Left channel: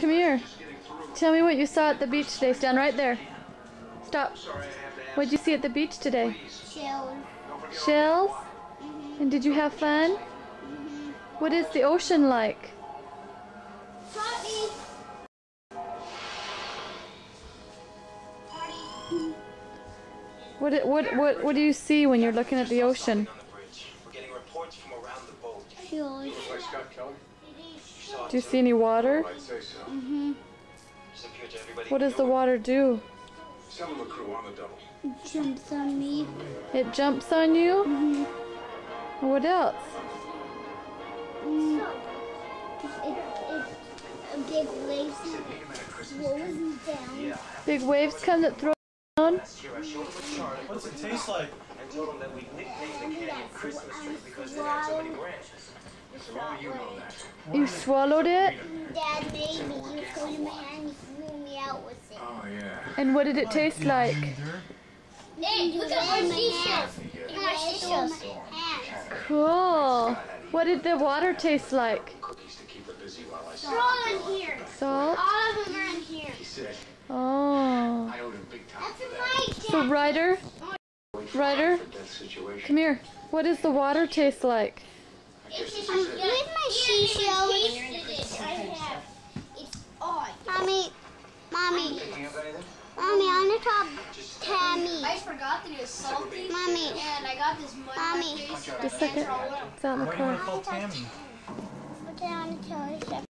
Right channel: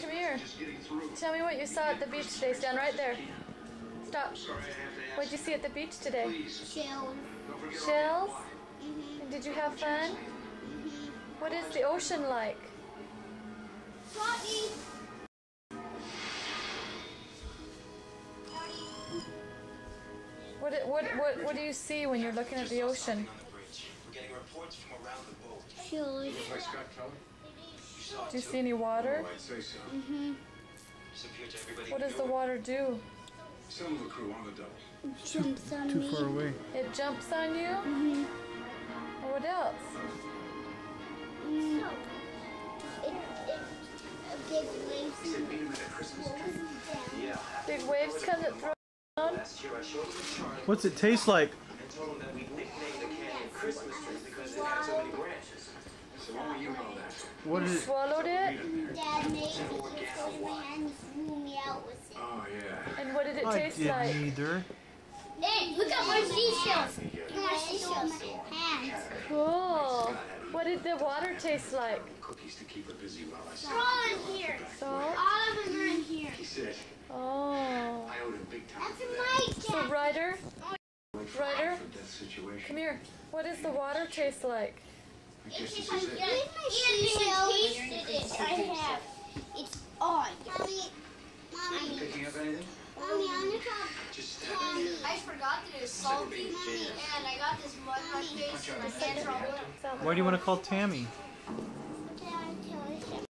Come here. Tell me what you saw at the beach today. Stand right there. Stop. What did you see at the beach today? Shells. Shells? Mm-hmm. And did you have fun? Mm-hmm. What is the ocean like? Party. What do you see when you're looking at the ocean? Shells. Do you see any water? Mm-hmm. What does the water do? Some of the crew on the double. Jumps on me. It jumps on you? Mm-hmm. What else? Big waves rolls down. Big waves come that throw down? What's it taste like? You swallowed it? Dad made me. He was holding my hand and threw me out with it. Oh, yeah. And what did it taste like? Neither. Hey, look at my seashells. Look at my seashells. Hands. Cool. What did the water taste like? Cookies to keep her busy while I They're all in here. Salt? All of them are in here. He said, Oh. I owed him big time That's for that. my So Ryder, Wait for Ryder? for that situation. come here. What does the water taste like? I guess this Where's is it. my seashells? I have. It's on. Mommy. Picking up anything? Mommy, I want to call Tammy. I forgot that it was salty. Mommy. And I got this mud on my Mommy. face and my Just a hands second. are all wet. It's on the Why do you want to phone. call Tammy? Okay, I want to tell her something.